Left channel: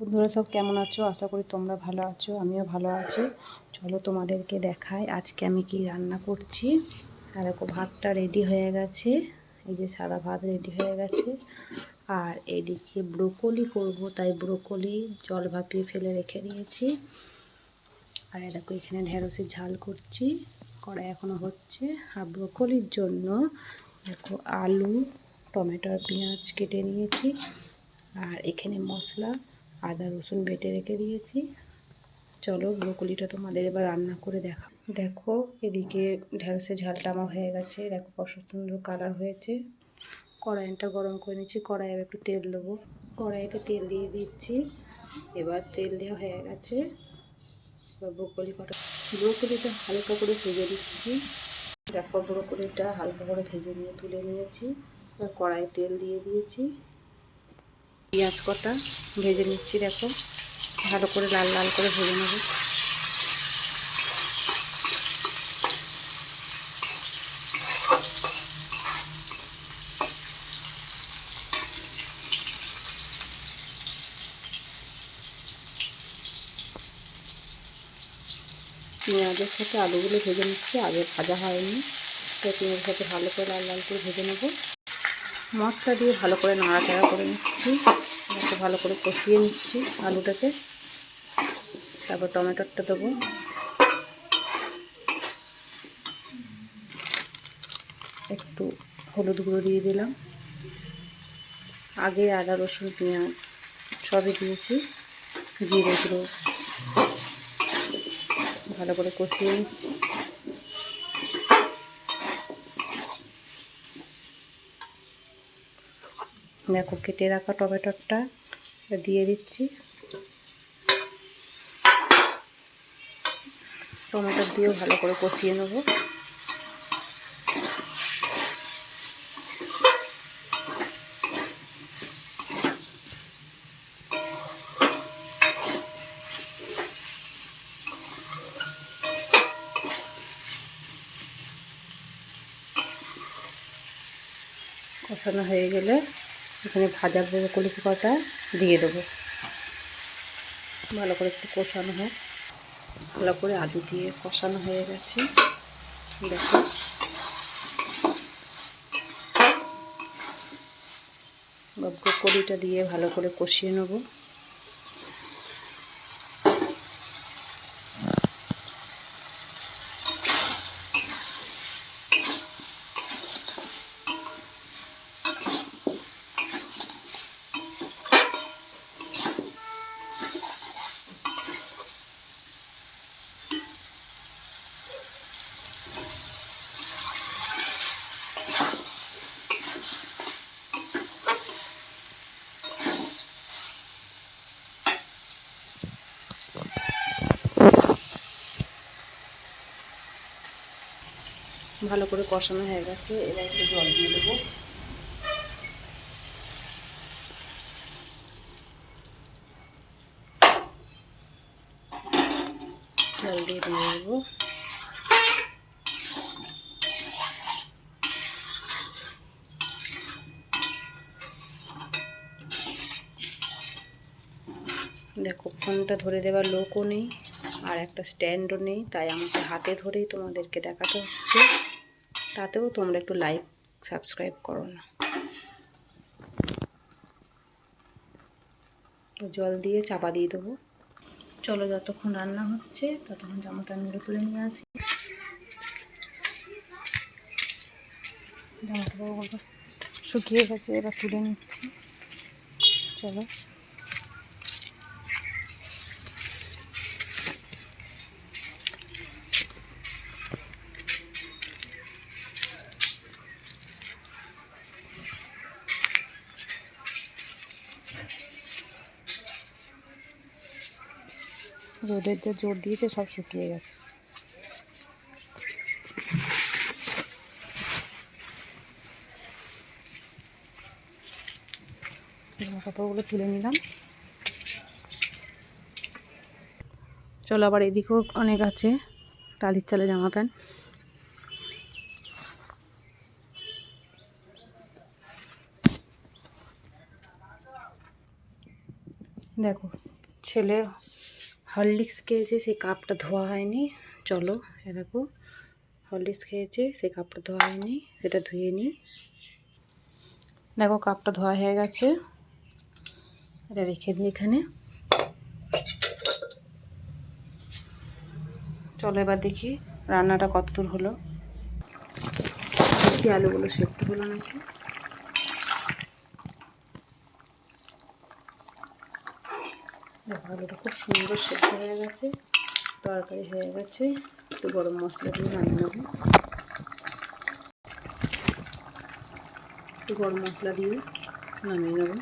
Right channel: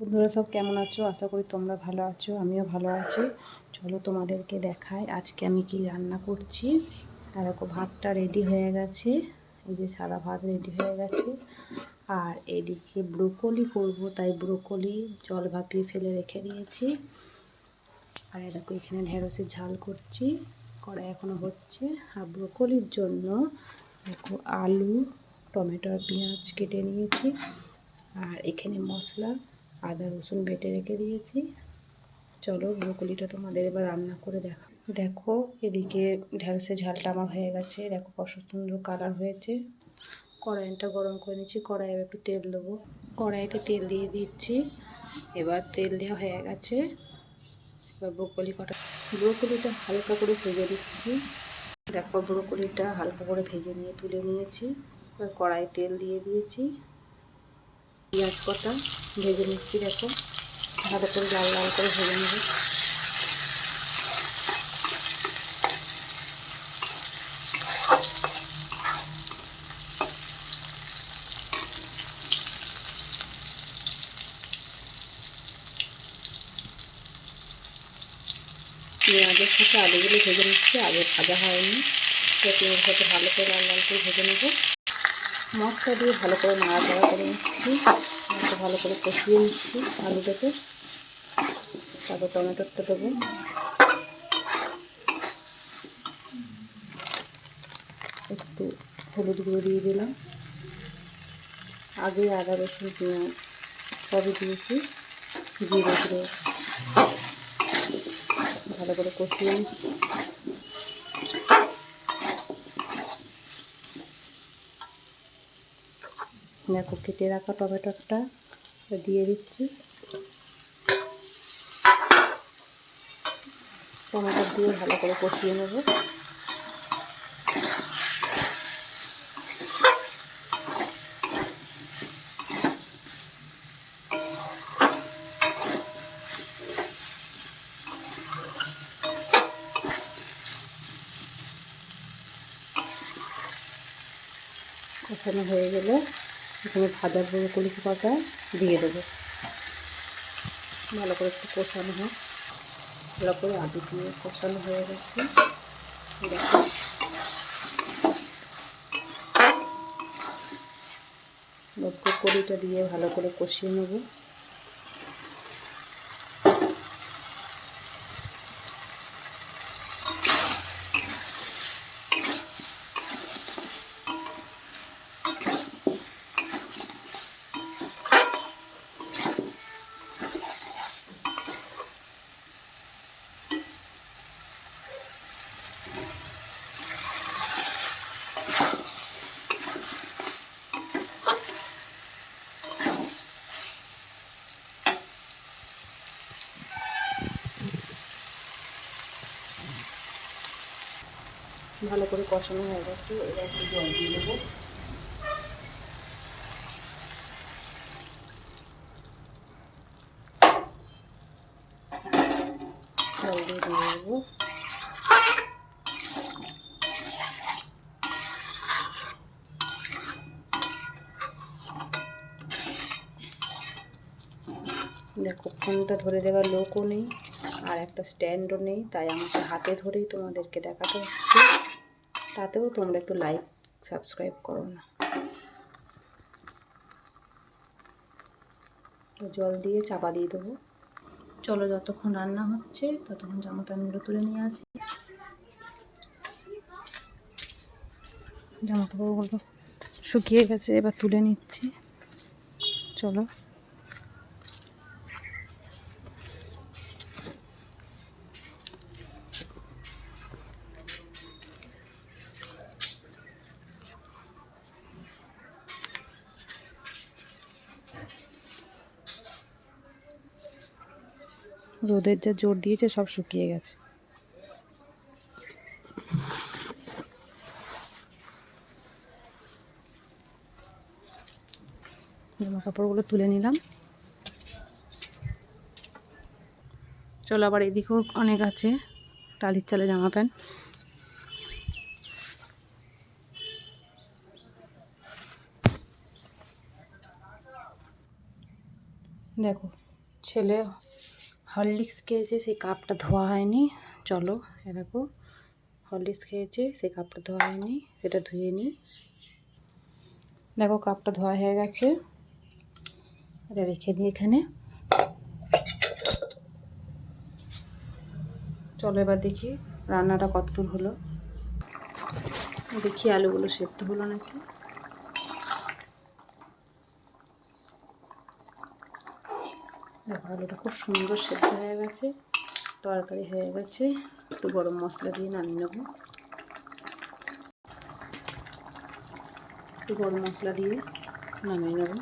বন্ধুরা সব কেমন আছো? আশা করি তোমরা ভালো আছো, আমিও ভালো আছি। চলো তোমাদেরকে দেখাই আজকে আমি কি রান্না করছি। আর দেখো, ভাতটা রেডি হয়ে গেছে। এই যে সাদা ভাত রেডি হয়ে গেছে। আর এদিকে ব্রোকলি করব, তাই ব্রোকলি জল ভাপিয়ে ফেলে রেখে দিয়েছি। আর দেখো, এখানে ঢেঁড়সের ঝাল করছি। কড়াই এখনও হচ্ছে। আর ব্রোকলির জন্য দেখো, আলু টমেটো আর পেঁয়াজ কেটে নিয়েছি। আর এখানে মশলা আদা, রসুন বেটে রেখে দিয়েছি। চলো ব্রোকলিটা তোমাদের এবার রান্না করে দেখা। দেখো, এদিকে ঢেঁড়সের ঝালটা আমার হয়ে গেছে। দেখো কত সুন্দর কালার হয়েছে। কড়াইটা গরম করে নিচ্ছি। কড়াইয়ে একটু তেল দেবো। কড়াইতে তেল দিয়ে দিচ্ছি। এবার তেল দেওয়া হয়ে গেছে। এবার ব্রোকলি কটা ব্রোকলিটা হালকা করে ভেজে দিচ্ছি দেখো ব্রোকলিটা হালকা করে ভেজে নিয়ে তুলে নিয়েছি। এবার কড়াই তেল দিয়ে দিয়েছি। পেঁয়াজ কটা ভেজে নিচ্ছি, দেখো। ভালো করে লাল লাল করে ভেজে নেব। পেঁয়াজের সাথে আলুগুলো ভেজে নিচ্ছি আগে ভাজা হয়নি। তো পেঁয়াজের সাথে ভালো করে লাল লাল করে ভেজে নেব। মশলা দিয়ে ভালো করে নাড়াচাড়া করে নিচ্ছি। একটু ভালো করে কষিয়ে নিচ্ছি আলুটাকে। তারপর টমেটোটা দেবো। একটু হলুদ গুঁড়ো দিয়ে দিলাম। আগে আদা, রসুন, পেঁয়াজ সবই দিয়েছি। জিরে গুঁড়ো ভালো করে কষিয়ে নিচ্ছি। দেখো কেটে রাখা টমেটোটা দিয়ে দিচ্ছি। টমেটো দিয়েও ভালো করে কষিয়ে নেব। কষানো হয়ে গেলে এখানে ভাজা ব্রোকলি কটা দিয়ে দেবো। ভালো করে একটু কষানো হোক। ভালো করে আলু দিয়ে কষানো হয়ে গেছে। দেখো। ব্রোকলিটা দিয়ে ভালো করে কষিয়ে নেব। ভালো করে কষানো হয়ে গেছে, এবার একটু জল দিয়ে দেবো। জল দিয়ে দিয়ে দেবো। দেখো, ফোনটা ধরে দেওয়ার লোকও নেই, আর একটা স্ট্যান্ডও নেই, তাই আমাকে হাতে ধরেই তোমাদেরকে দেখাতে হচ্ছে। তাতেও তোমরা একটু লাইক সাবস্ক্রাইব করো না। জল দিয়ে চাপা দিয়ে দেবো। চলো যতক্ষণ রান্না হচ্ছে, ততক্ষণ জামা প্যান্টগুলো তুলে নিয়ে আসি। জামা কাপড়গুলো শুকিয়ে গেছে, এবার তুলে নিচ্ছি। চলো। রোদের যা জোর দিয়েছে, সব শুকিয়ে গেছে। কাপড়গুলো তুলে নিলাম। চলো আবার এদিকেও অনেক আছে, টালির চালে জামা প্যান্ট। দেখো, ছেলে হরলিক্স খেয়েছে, সেই কাপটা ধোয়া হয়নি। চলো এরকম হরলিক্স খেয়েছে, সেই কাপটা ধোয়া হয়নি, সেটা ধুয়ে নিই। দেখো, কাপটা ধোয়া হয়ে গেছে। এটা রেখে দিই এখানে। চলো, এবার দেখি রান্নাটা কত দূর হলো। দেখি আলুগুলো সেদ্ধ হলো নাকি? দেখো আলুটা খুব সুন্দর সেদ্ধ হয়ে গেছে, তরকারি হয়ে গেছে। একটু গরম মশলা দিয়ে নামিয়ে নেব। একটু গরম মশলা দিয়ে নামিয়ে নেব।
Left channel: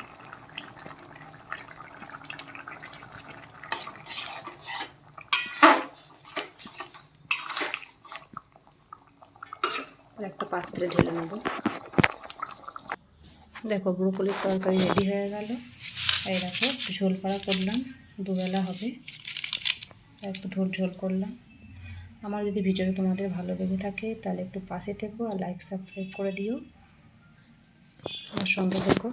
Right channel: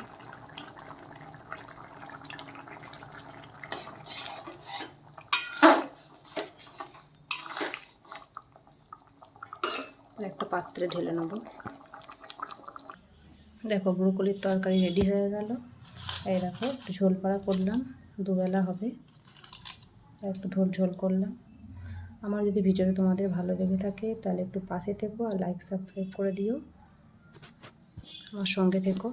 একটা পাত্রে ঢেলে নেব। দেখো, ব্রোকলির তরকারি রেডি হয়ে গেল। এই দেখো, ঝোল করা করলাম, দুবেলা হবে। একটু ধোল ঝোল করলাম। আমার যদি ভিডিওটা তোমাদের ভালো লেগে থাকে, তাহলে একটু পাশে থেকো আর লাইক সাবস্ক্রাইব করে দিও। আমার সঙ্গে থেকো।